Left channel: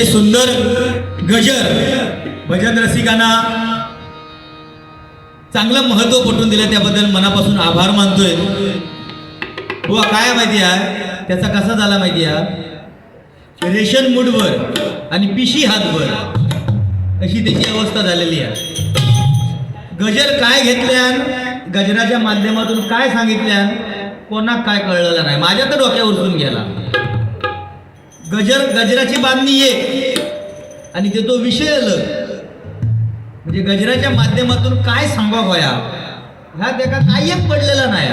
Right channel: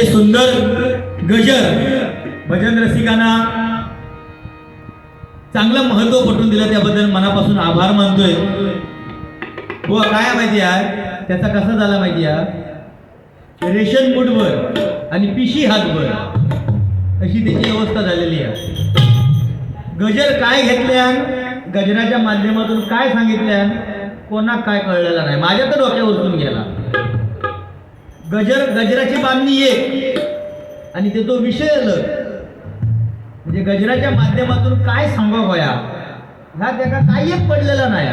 अतिशय सुंदर गजर भजन रसिकांना चांगलं महत्त्व पटवून दिलं त्याबद्दल मनापासून आभार मानतोय. हो काय माहिती आहे? त्याचा कसा झाला माहिती आहे? रेशन मूडवर आणि पिशी हातवर अशी त्याची अवस्था झालेली आहे. गजर काय घेतल्यान गजराच्या माध्यमातून काय सांगितल्यान कोणाक काय कळलेलं नाही. माझ्या तर डोक्यावर गेला. गजर गजराची बांधणी एक आणि ते तो विषय अलग म्हणजे गजराच्या माध्यमातून काय सांगा होया ह्या त्याका काही एक पडलेला नाही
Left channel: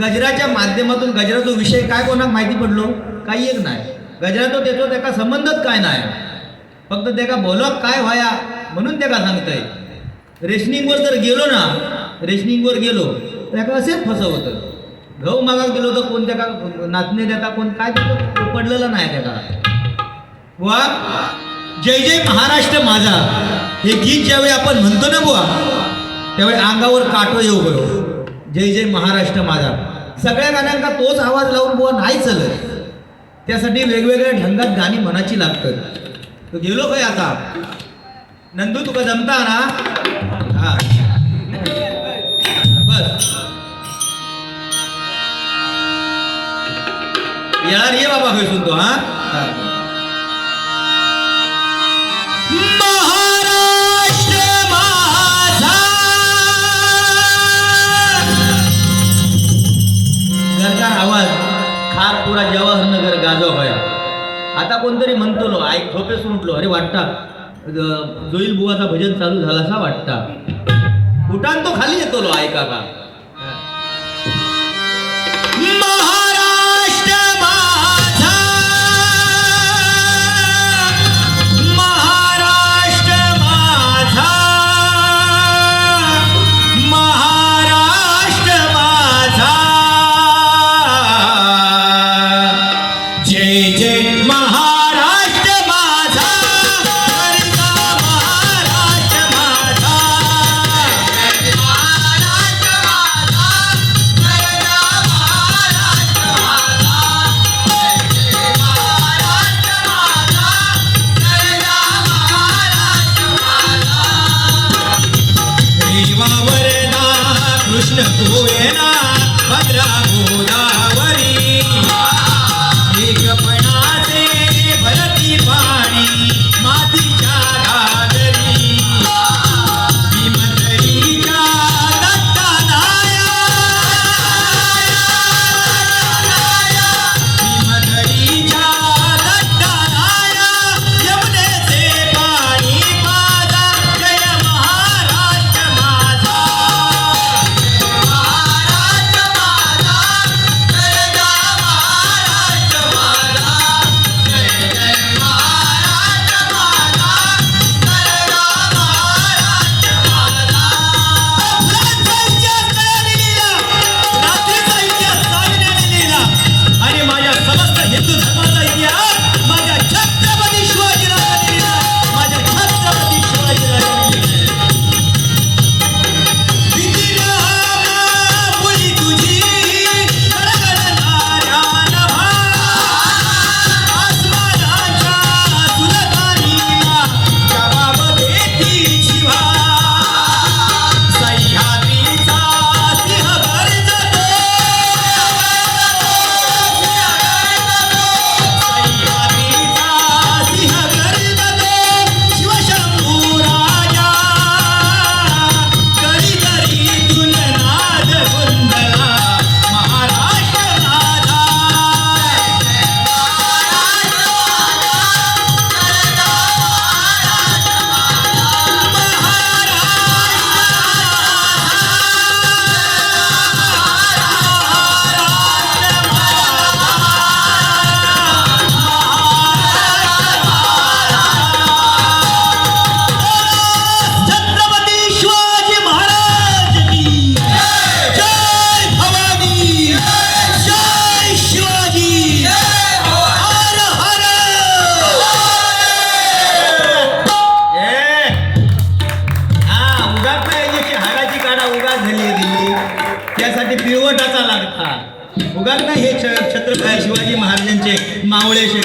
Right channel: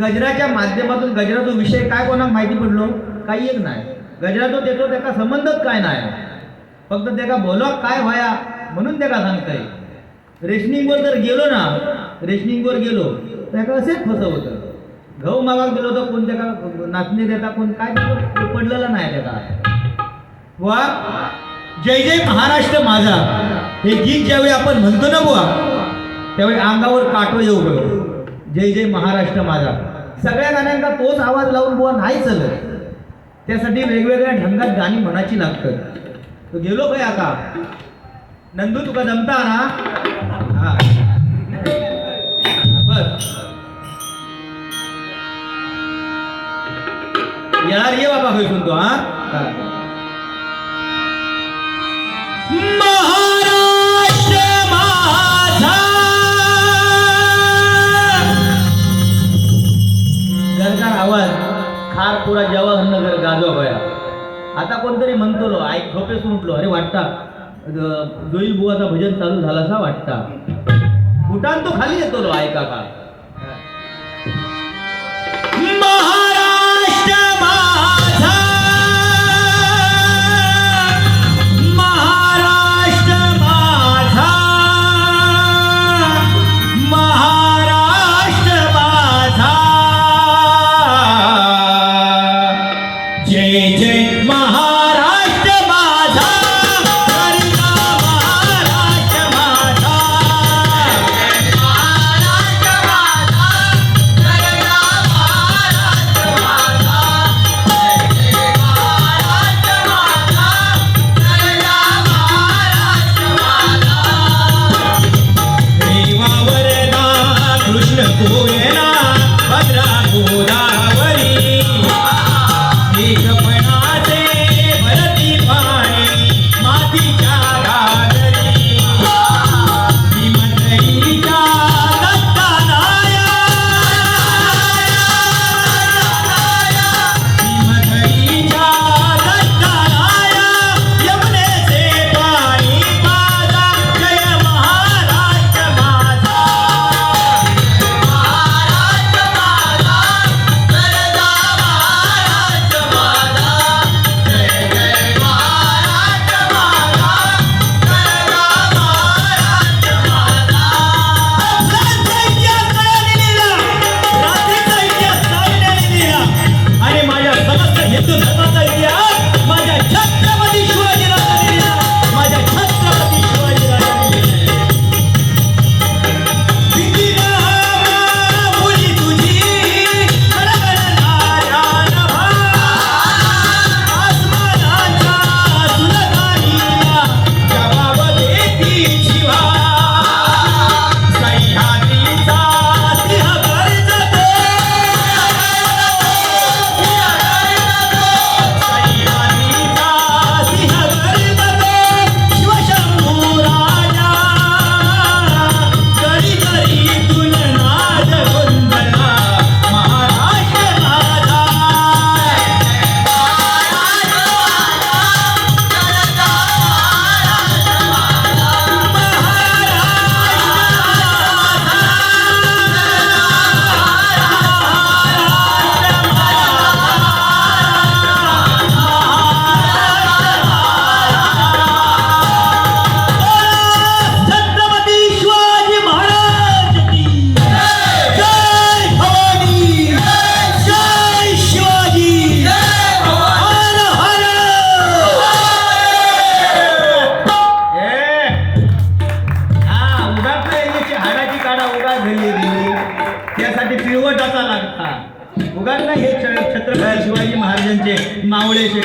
गजराच्या माध्यमातून गजराचा विषय काय कोणाक माहिती पडलो? काही एक नाही. गजरा तो त्याचा त्याका संबंधच काय नाही. फक्त त्याका बोलक काय व्हाया म्हणून त्याका सांगताय. रेशनिंगवर जर गेलो ना. रेशनिंगवर गेलो. त्याका असेच फसवतं. गहू मागात गेलो तर कोण का नाचणी देता कोण? काय देतो पडलेलं नाही त्याका वा जय जय महाराष्ट्र माझा. हे गीत ज्यावेळी आपण म्हणतो ना बुवा त्यावेळी अंगावर काटो येऊ बघ जय जय महाराष्ट्र माझा. सगळ्या गाण्यांका तोच आवाज लावून बुवा नाही चलत. त्यासाठी वेगवेगळ्या ढंगात गाणी म्हणाची लागतात. तो गेलो काय आता. नंदू तुका जमता ना? हा. येणार ये बाबा खय सुनतो हा? घरचा आवाज खार पुरा जवाहरनगर गाजो भया आता कोणतरी म्हणतो लो आई झोपेस उठलो अरे वाटता जोईल बुवाचा भजन चालू झाला असा वाटता. उठान तो खाली येतो लो ऐका का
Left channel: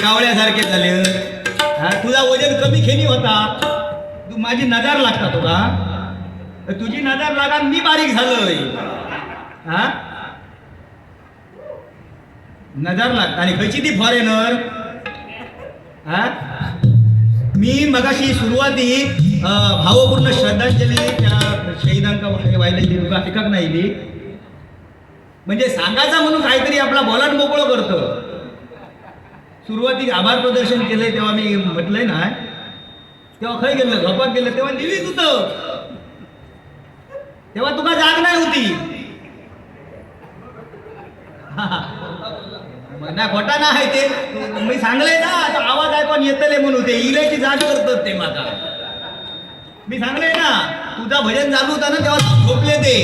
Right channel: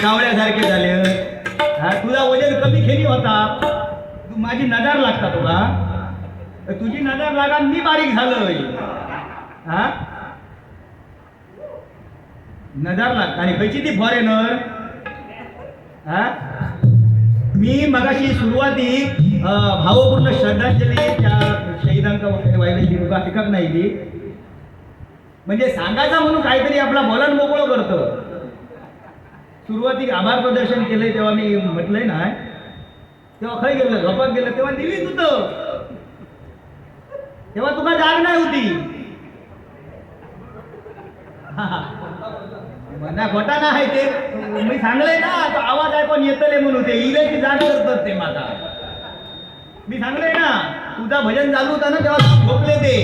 कावळ्यासारखे झाले. हा तुझा वजन कमी खेमी होता. तू माझी नजर लागता तुला तर तुझी नजर लागा मी बारीक झालोय. हा? नजर लागता. आणि खयची ती फॉरेनर हा? मी मगाशी सुरुवाती भावपूर्ण श्रद्धांजली त्या शहीदांका व्हायला दिली तुका फिकक नाही म्हणजे सांगायचा म्हणून काहीतरी आपला बोलान मोकळं करतं. सुरुवातीक आभार प्रदर्शन केलंय तेव्हा मी म्हटलंय ना तेव्हा खय गेलं झोपात गेलं तेव्हा दिवीच होत. तेव्हा तुका जाग नाही होती. नाही खोटा ना आहे ते. मी सांगलंय ना तो आवाज ऐकून येतले म्हणून ते इलेची जाग करतात ते माता. मी सांगलंय ना तुझा भजन चालू होता ना तेव्हा झोपले ते.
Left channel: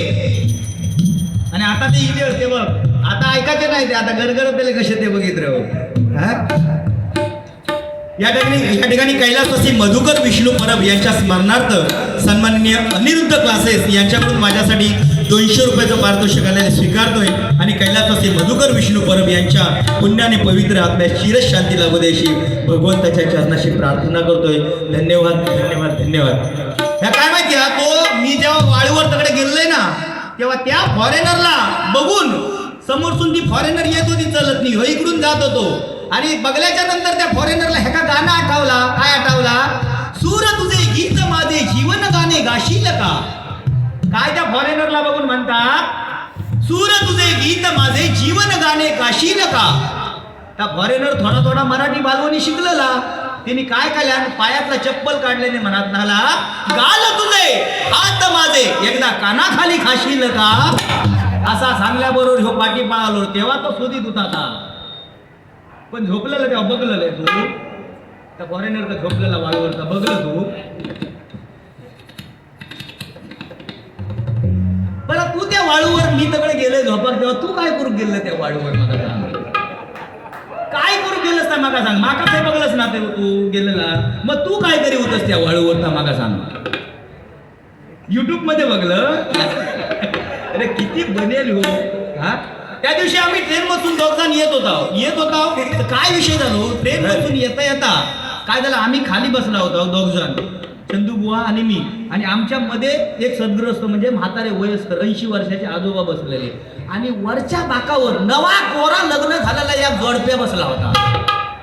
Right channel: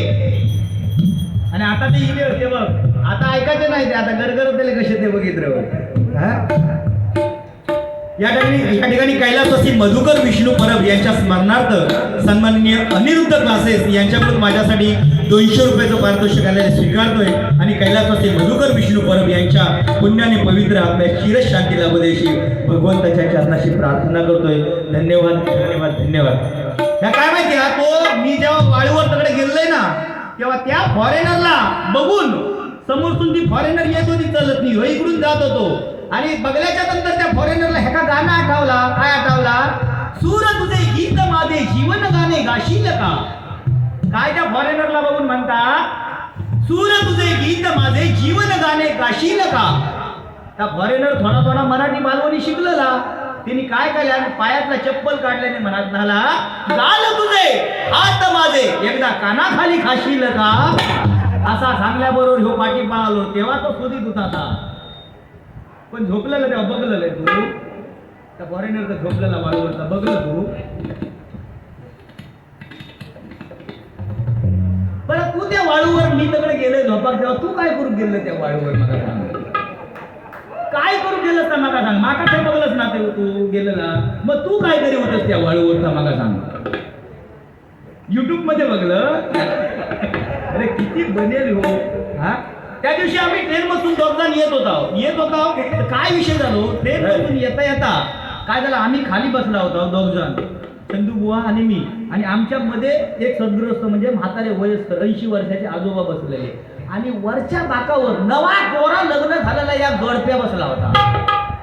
आणि आता ते इले होते बघ. आता ऐकायचे नाही ते आता गरगरत दिले कसे ते बघितलं हा या ठिकाणी या ठिकाणी कैलासवासी मधुकर विष्णू परब यांच्या स्मरणार्थ सन्माननीय अनिरुद्ध क्लासेस यांच्याकडून माझ्यासाठी दोनशे रुपयाचं पारितोषिक आलेलं स्वीकारतोय. आणि कैलासवासी मधुकर विष्णू परब यांच्या पुण्याने पवित्र आत्म्या शिरस शांती लाभू भगवंताच्या चरणाशी प्रार्थना करतोय. धन्यवाद धन्यवाद धन्यवाद. ह्या काय माहिती हा? तो मी जेव्हा वाळूवर तकडे गेलोय ना तेव्हा त्या फॉरेनरला बघून समोरसून ती फॉरेनर येत होती चलत नाही. हो इकडून जात होतो. आणि बघल्याच्या नंतर त्या फॉरेनरला ह्या का गाणं आठवला काय आठवला? सूर तुझे गीत माझे जीवन गाणे गाशील का? काय त्या फॉरेनरला बघून म्हणतात? सूर तुझे गीत माझे जीवन गाणे गाशील का? त्या फॉरेनर थोडा थोडा मराठी बालवणी शिकलेला. त्यांनी काय केल्या पायातला चप्पल काढल्याने म्हणत नाला गाल तुझे हात माझे एकदा कानाखाली खाशील का? असा सांगल्याबरोबर ह्यो पाठी पळालो तेव्हा तो शोधित होता पण झोपलेला तेव्हा बघलेलं तू? त्या फॉरेनरचा झोपलेला वाळूवरचा? बघलं तू? बरं तू त्या वाळूवर मी तिकडे गेले झोपाक तेव्हा तू काय करू गेलं त्या वाळूवर मला सांग? काय करू गेलंस ना माका सांग? माका काय बघलंस ना ते तू गेलेला? मग तू काय करी होतस त्या वाळूवर ना माका सांग? युट्यूबमध्ये बघलं? अरे किती बनेल हो. हा? त्या दिवशी आम्ही ट्रेन मधून दोघ जण येत होता. येत होता. काय विषय झालो? ट्रेन मधून येता येता काय झालं? आम्ही खाली बसला होतो दोघ जण. चंदू बुवा आणि मी. आणि आमच्या मध्ये एक सद्ग्रस्त म्हणजे म्हातारे वयस्कर ऐंशी वर्षाचे आजोबा बसलेले. आणि वरच्या बाकावर नवा कोरा लग्न झालेला या जोडप्या बसला होता.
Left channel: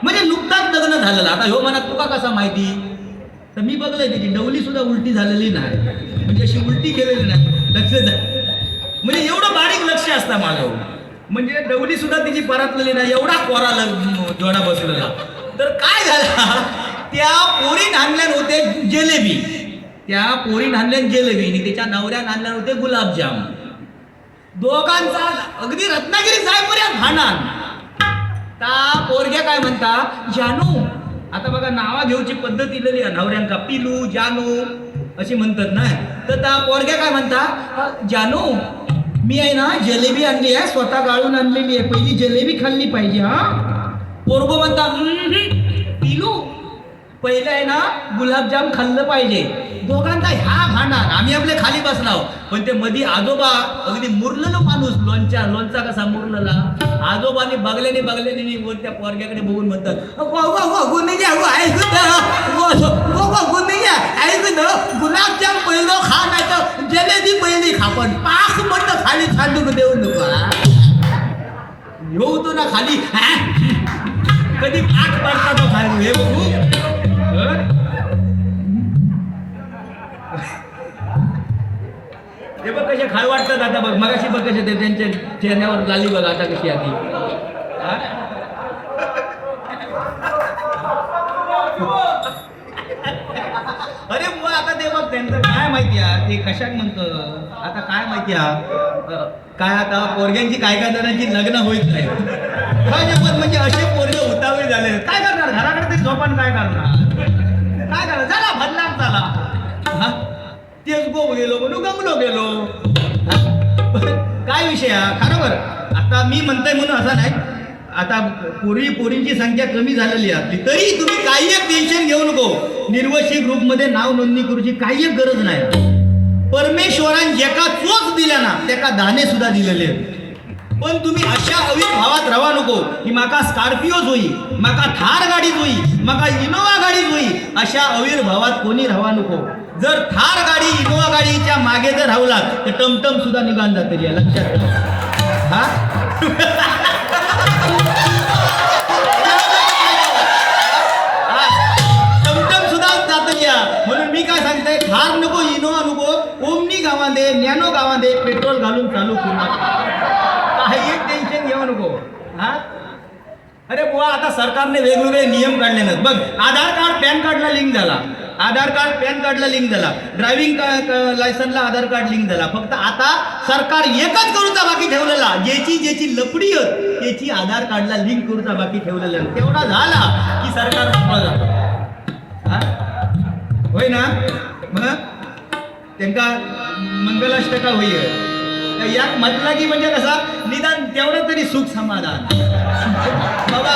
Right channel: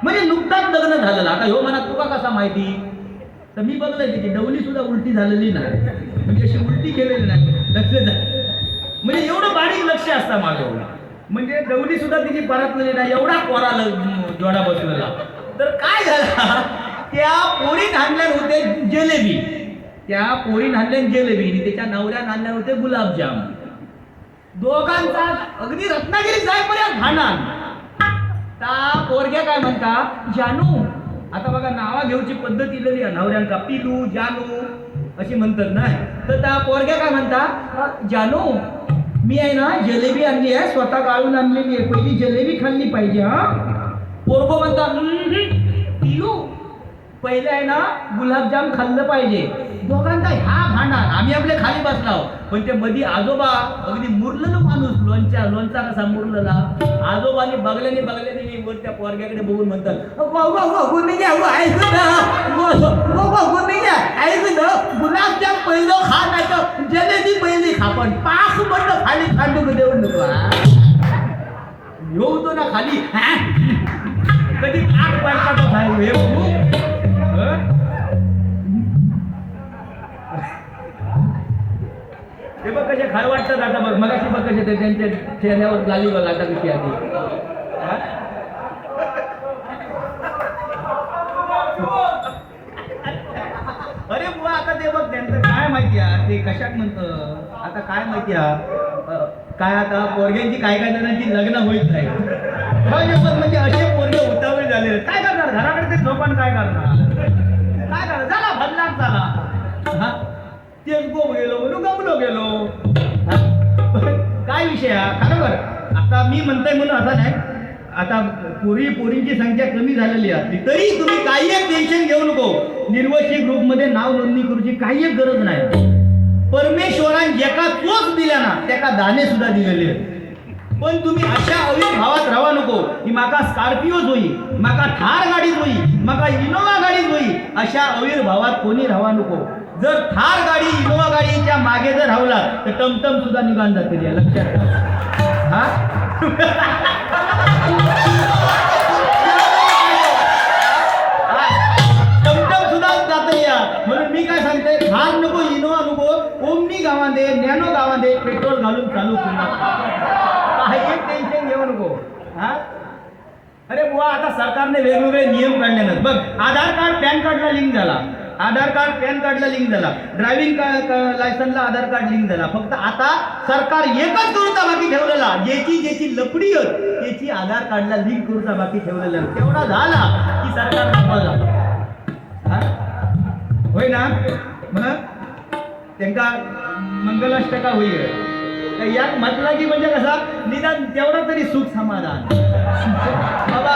म्हणजे नुकताच लग्न झालेलं. आता ह्यो म्हणा तुका कसा माहिती? तर मी बघलंय त्याची डवली सुद्धा उलटी झालेली नाही. म्हणजे अशी उलटी केलेली नाही. लक्ष म्हणजे एवढं बारीक लक्ष असतं माझं म्हणजे डवली सुद्धा तिची परतलेली नाही एवढा कोरा जोडा बसलेला तर काय झालं? त्या पोरी आणल्या होते जिलेबी. त्या पोरी आणल्या जिलेबी आणि त्याच्या नवऱ्यान आणल्या होते गुलाबजाम. दोघांचा अगदी रत्नागिरी जायपर्यंत भांडण ता पोरग्या काय म्हणता जानू आता बघा नावा घेऊची पद्धत इलेली आहे नवऱ्यांका. पिलू जानू अशी म्हणतात ना? तर त्या पोरग्या काय म्हणता जानू मी आहे ना जलेबी आणली आहे स्वतः गाळून आणलेली आहे. पहिली जलेबी खाल्ली पाहिजे हा. पोरगो म्हणता पिलू पहिलं आहे ना गुलाबजाम खाल्लं पाहिजे. दोघांचा ह्या भांडार आम्ही आपले खाली बसलाव पण ते मधी आजोबा अगदी मुरलेलो माणूस लोणच्या लोणचा कसा मुरलेला. आजोबाने बघल्याने बघल्याने नी वर त्या पोरग्याकडे बघून म्हणतात वा वा वा गुलाबजाम पहिलं खा नाही तर जलेबी पहिली खा पण खाली कधी पाक पडता तो खाली हे बघू. हे? बघ कसे खार वाटतात आता बघ मगाशी बघ कसे ते त्यांच्या चेहऱ्यावर झाली बघ आता कशी आधी अरे बुवा आता ते बघ त्यांचं काय माहिती आहे? ते कशात म्हणतं? आता काय माहिती आहे? काय आता पोरग्यांची काय काय जणांची लग्न होत नाही. म्हणजे असे पोरगे उतावळी झाले. काय करणार? घराकडे ते झोपान काय करणार? काय करणार? झाला बदलाम झाला. हा? तेच गो गेलो म्हणून गमलो गेलो. काय विषय हा? खरोबर आता मी म्हणतोय म्हणून असं नाही. आता पूर्वी पोरींची संख्या कमी झालेली आहे आपली. तरी तुम्ही काही एक टेन्शन घेऊ नको. निर्वशी ग्रुपमध्ये नाव नोंदणी करूची काही एक गरज नाही. परमेश्वरान एका चोच दिल्या ना त्याका दाणे सुद्धा दिलेले पण तुम्ही अशा अविर्भावात राहा नको. की माका स्कॉर्पिओज होई माका थार गाडीच होई माका इनोवा गाडीच होई अशा अविर्भावात कोणी राहा नको. जर थार गाडी इनोवा गाडीच्या मागे जर राहला तर टमटम सुद्धा निघून जाते या लक्षात हा? आता सरकारने वेगवेगळे नियम काढले नाहीत. बघ आधार कार्ड पॅन कार्डला लिंक झाला. आधार कार्ड पॅन कार्डला लिंक झाला. ड्रायव्हिंग लायसनला आधार कार्ड लिंक झाला. फक्त आता सरकार एकच करूचा बाकी ठेवलेला. ज्याची ज्याची लपडी होत त्याची आधार कार्डला लिंक करूचा बाकी ठेवलेला. तेवढा झाला की सरकार होय ना? मग? त्यांका मंगलाष्टका होईल यात म्हटलं की म्हणजे कसा? निदान तेवढा तरी सुख समाधान. बाबा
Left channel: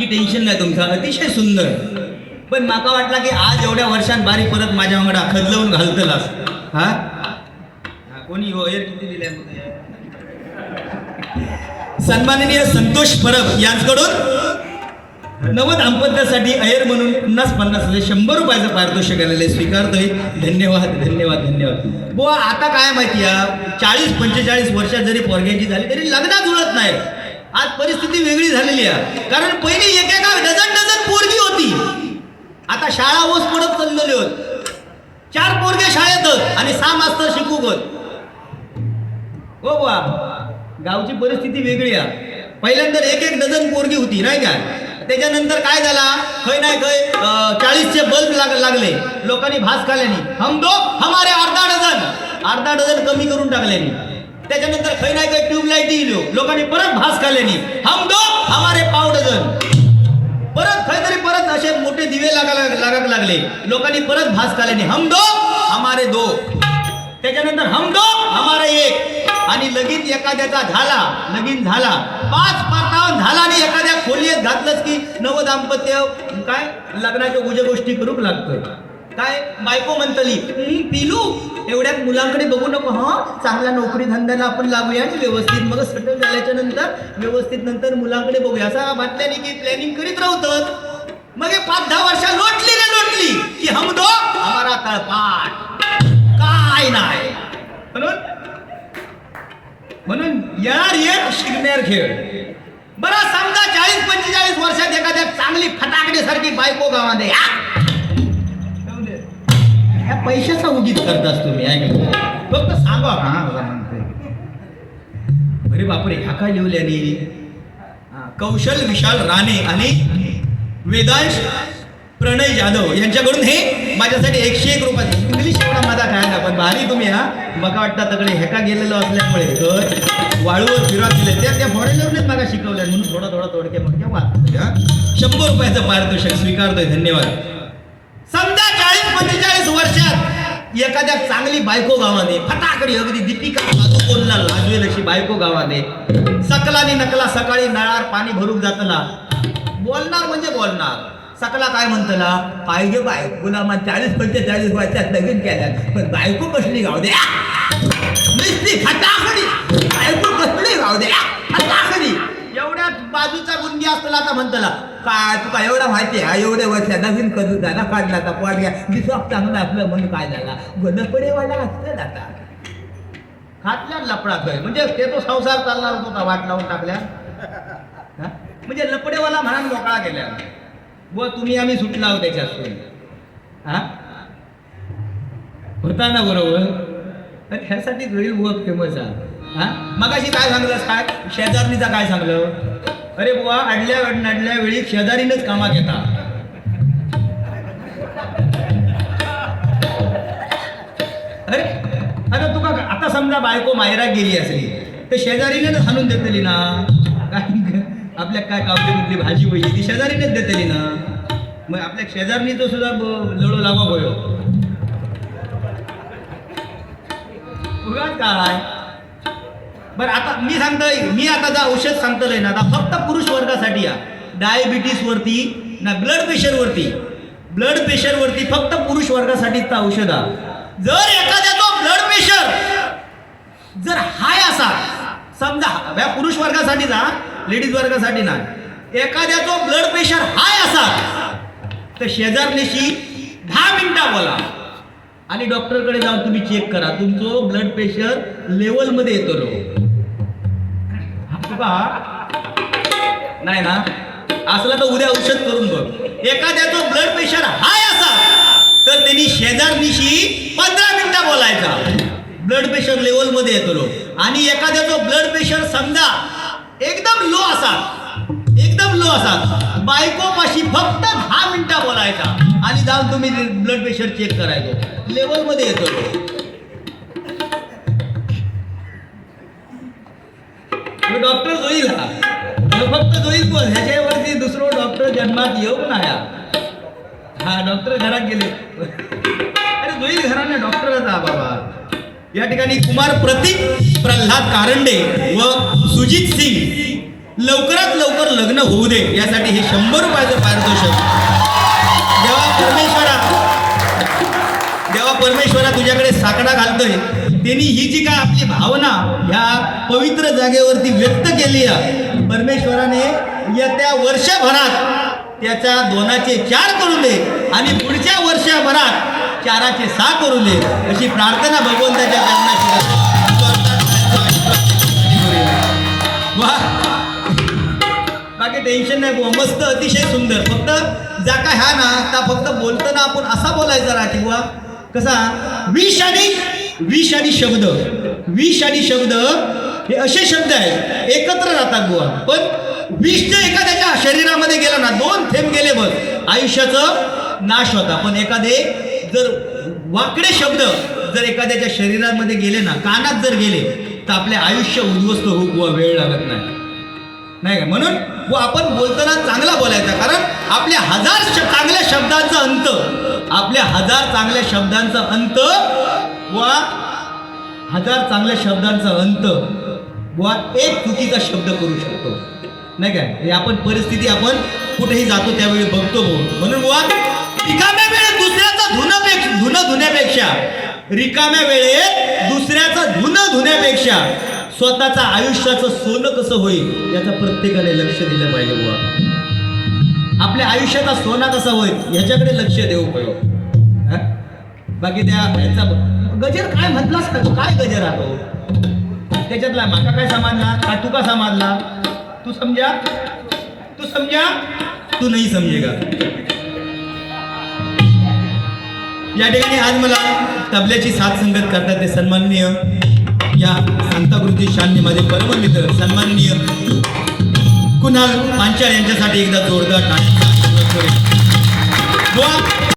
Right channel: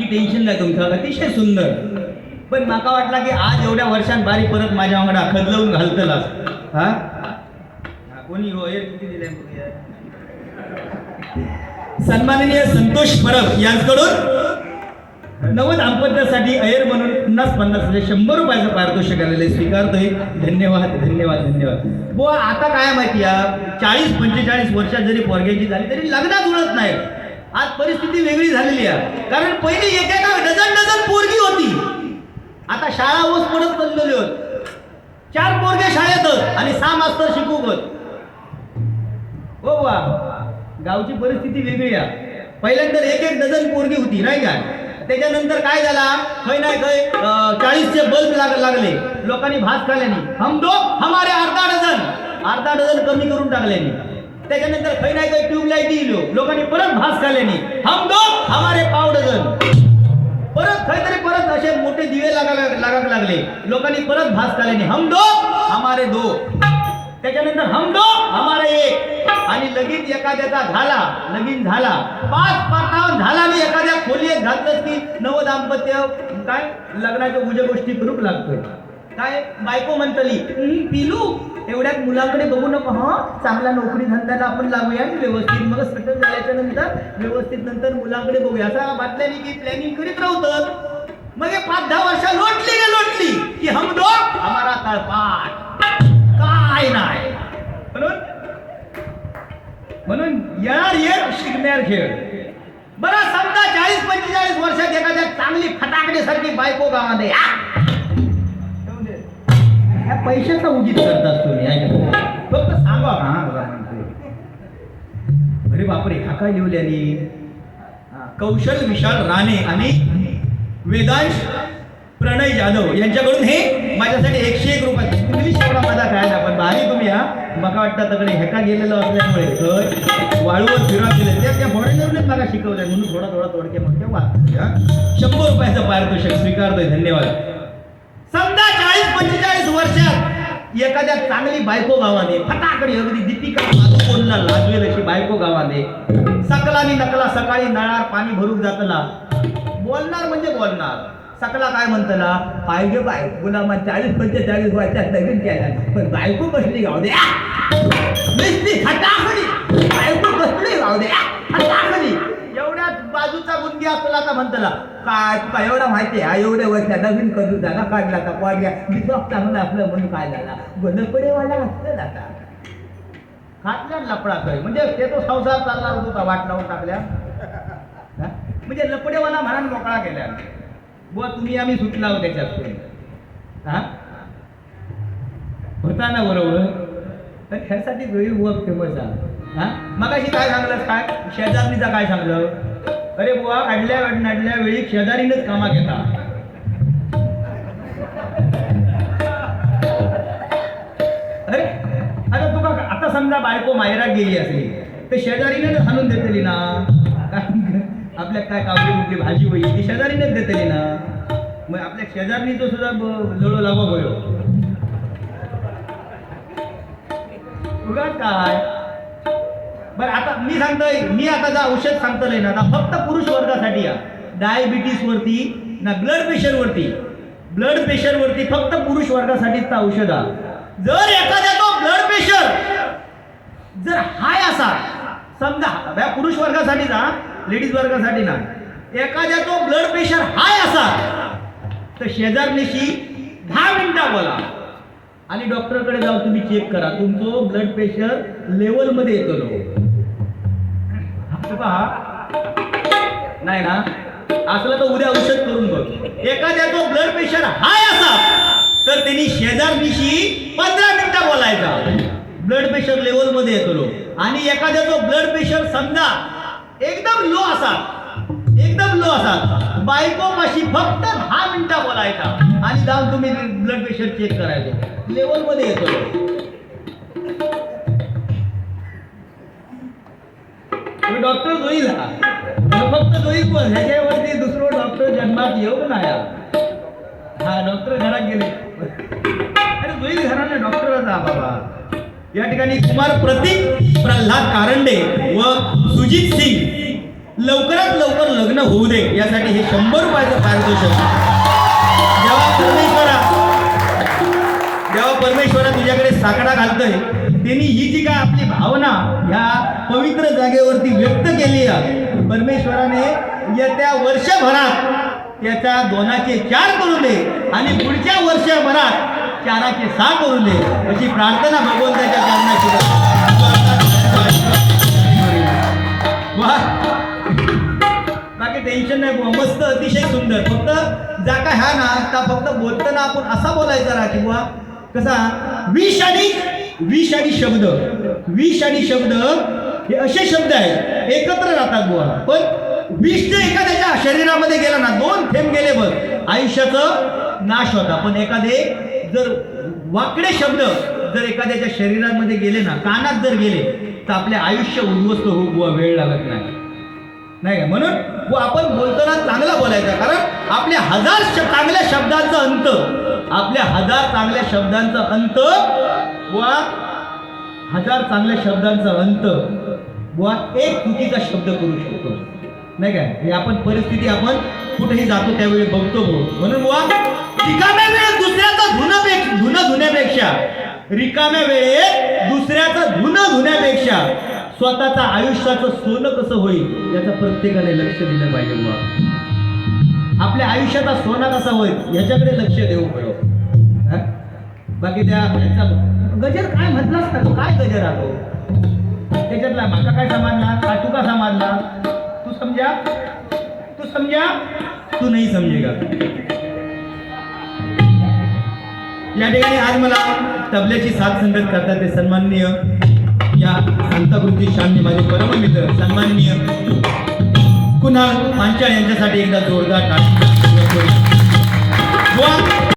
बाकी टेन्शन नाही तुमचं अतिशय सुंदर. पण माका वाटला की आज एवढ्या वर्षांत बारी परत माझ्या वांगडा खदलवून घालतलास. हा? हा, कोणी हो? किती दिले? सन्माननीय संतोष परब यांकडून नव दाम्पत्यासाठी अयर म्हणून पन्नास पन्नास हजार शंभर रुपयाचं पारितोषिक आलेलं आहे. स्वीकारतोय. धन्यवाद धन्यवाद धन्यवाद. बुवा आता काय माहिती आहे चाळीस पंचेचाळीस वर्षात जरी पोरग्याची झाली तरी लग्नात जुळत नाही. आज परिस्थिती वेगळी झालेली आहे. कारण पहिली एकेका डझन डझन पोरगी होती. आता शाळा ऊस पडत चाललेली होत. चार पोरगे शाळेतच आणि सहा मास्तर शिकूगत हो बा गावची परिस्थिती वेगळी आहे. पहिल्यांदा एक एक डझन पोरगी होती नाही का? त्याच्यानंतर काय झाला? खै नाही खै चाळीसचे बल्ब लाग लागले. लोकांनी भास खाल्याने हम दो हमारे अर्धा डझन. अर्धा डझन कमी करून टाकल्यानी. त्याच्यानंतर खय नाही काही ट्यूबलाईट इलो लोकांनी परत भास खाल्ल्यानी. हम दो हमारे पाव डझन. परत काहीतरी परत असे मोठे दिवे लागायला लागायला लागले. लोकांनी परत भास खाल्ल्याने. हम दो हमारे दो. त्याच्यानंतर हम दो हमारे एक. आणि लगीन एखाद्याचा झाला लगीन झाला. पाच पातावन झाला आणि एखाद्या खोलीत घातलंच की नव दाम्पत्य काय? लग्नाच्या गुज गोष्टी करूक लागतं काय? बायको म्हणतली पिलू एवढ्या मुलांकडे बघू नको हा? चांगला नोकरी धंद्याला आपण लागूया आणि व्यवस्थित मग सेटल झाल्याच्यानंतर व्यवस्थित नंतर मुलांकडे बघूया. असा बातल्याने की प्लॅनिंग करीत राहतात मग हे पाच दहा वर्ष लोटली रे लोटली की हम दो हमारा तळपाट. काय नाही. म्हणून या येत शिकणार खेळ. बरं समजा चाळीस पंचेचाळीस वर्षात एखाद्या चांगली फटाकड्यासारखी बायको गावामध्ये आ! ह्या पैशाचा उगीत करतास तुम्ही आहे? फक्त सांगा हा अरे बापरे ह्या काय लिहिल्याने? कौशल विशाल राणे आणि वेदांश प्रणय जाधव यांच्याकडून हे माझ्यासाठी एकशे एक रुपये. इंग्लिश एवढा माझा काय ना पण भारी तुम्ही हा. बघा वाटतं तकडे हेका गेलेलो असल्यामुळे? तर वाळूवर फिरत गेले त्या त्या फॉरेनरनेच मला शिकवलं म्हणून थोडा थोडा तोडके मग शंभर रुपयाचं पारितोषिक स्वीकारतोय धन्यवाद. वर्षात एखाद्या चांगली बायको गावाने फटाकडी अगदी दीपिका पादुकोणला लाजवेल अशी बायको गावाने सकलानी नकला सकाळी नळार पाणी भरून जातला. बोलणार म्हणजे बोलणार. सकला काय म्हणतला? पाहिजे बायकोला मग चाळीस पंचेचाळीस वर्षात नवीन केल्या पण बायको कसली गाव द्या नुसती फटाकडी आता म्हणतला काय तुका एवढा माहिती आहे? एवढ्या वर्ष नवीन करू झाला काढला तर पाडल्या विश्वास चांगलं असलं म्हणून काय झाला गणपडे वाढला असतं आता. खातल्या लपडात म्हणजे ते तो संसार चालला होता वाट लावून टाकल्या. म्हणजे लपडेवाला म्हणा मोकळा केल्या. व तुम्ही आम्ही सुटला आहोत हा? होता ना बरोबर? ह्यासाठी गरीब फेमस आहे. हा? मगाशी काय सांगलं काय शेजारणीचा काय सांगलं? अरे बुवा अडल्या अडल्या वेळी शेजारीनच कामा घेता. अरे अरे तुका आता समजा बायको माहेरात गेली असली तर शेजारीनच हाणून देतली ना? काय आपल्या काय कावली कुठली भाजी होई ती शेजारीनच देतली ना? मग आपल्या शेजारणीचं सुद्धा लढू लढो होयो उगाच काय बरं आता मी सांगतोय मी आता जे औषध सांगतोय ना आता फक्त पुरुष वर्गासाठी या. डायबिटीस वरती ना ब्लड प्रेशर वरती. ब्लड प्रेशर वरती फक्त पुरुष वर्गासाठीच औषध हा जर एखाद्याचा ब्लड प्रेशर जर हाय असा समजा या पुरुष वर्गासाठी जा लेडीज वर्गासाठी ना एखाद्याचा ब्लड प्रेशर हाय असा तर शेजारनीशी दहा मिनिटं बोला. आणि डॉक्टरकडे जाऊन तुम्ही चेक करा तुमचं ब्लड प्रेशर लेवलमध्ये येतो. पहा. नाही ना? असलं तर उद्या औषध करून बघ. एखाद्याचं ब्लड प्रेशर हाय असा तर त्यांनी शेजारनीशी पंधरा मिनिटं बोलायचा. ब्लड प्रेशर लेवलमध्ये येतो लो आणि एखाद्याचं ब्लड प्रेशर समजा एकदम लो असा एकदम लो असा बायको माशी फक्त दहा मिनिटं बोलायचा. आणि जाऊन तुम्ही ब्लड प्रेशर चेक करायचो. लेवलमध्ये येतो मग डॉक्टर जोईल हा फक्त जोईल कोण? ह्याच्यावरती दुसरं डॉक्टर जन्मात येऊ नाही हा. हा डॉक्टर घरात गेले. अरे जोईल घराने डॉक्टरच हा बाबा. या ठिकाणी कुमार प्रतीक प्रल्हाद कारंडे व सुजित सिंग लवकरात लवकर लग्न होऊ दे. यासाठी हे शंभर रुपयाचं पारितोषिक. जेव्हा परमेश्वरा. जेव्हा परमेश्वरा तुझ्याकडे साकडा घालतोय. त्यांनी ही जी काय आपली भावना ह्या पवित्र जागेवरती व्यक्त केली आहे परमेश्वराने येत्या वर्षभरात त्याच्या दोनाचे चार करून दे आणि पुढच्या वर्षभरात चाराचे सहा करून दे अशी प्रार्थना भगवंताच्या चरणाशी वा बाकी टेन्शन नाही बुवा. मस्त अतिशय सुंदर. फक्त जा का ह्या ना आता फक्त बोलताना आपण असा बोलायचा राहा की बुवा. कसा? विष आणि विष आणि शब्द. विष आणि शब्द हे असे शब्द आहेत एकत्र राहतात बुवा. पण विष जर एखाद्याच्या शरीरामध्ये गेला ना दोन थेंब गेले बघ आयुष्याचं नाश होता. पण एखादे जर वाकडे शब्द जर एखाद्याच्या शरीरामध्ये गेले ना कानात जर गेले तर आपले आयुष्य उद्ध्वस्त होऊ बुवा वेळ लागत नाही. नाही का? म्हणून व आपण बोलताना चांगला बोलायचा. कारण आपल्या हजार श चांगल्या शब्दांचा अंत आपल्या हजार चांगल्या शब्दांचा अंत वा हजार चांगल्या शब्दांचा अंत. वा एक चुकीचा शब्द करू शकतो. नाही काय हे आपण परिस्थिती आपण कुठेही जातो त्यावेळी बघतो म्हणून बुवा रिकाम्या वेळेत दुसऱ्याचा धुण्यापेक्षा धुन धुण्यापेक्षा. रिकाम्या वेळेत दुसऱ्याचं धुन धुण्यापेक्षा स्वतःचं आयुष्याचं सोनं कसं होईल याचं प्रत्येकाने लक्ष दिलं पाहिजे बुवा. आपल्या आयुष्याचा सोना कसा होईल याच्याकडे लक्ष देऊ पाहिजे बाकी त्या याचा गजर काय म्हटलास का तू? काय गजर आलो त्याच्यातला माका काय समजला? का तू का समजला? तू समजा? तू समजा? तू नाही समजेगा या ठिकाणी आज मला तबल्याची साथ संगत करतात ते सन्माननीय या संताकृती शांनी माझे परममित्र सन्माननीय कुणाल पांचाळ यांच्यासाठी एकदा जोरदार टाळ्यांचा आशीर्वाद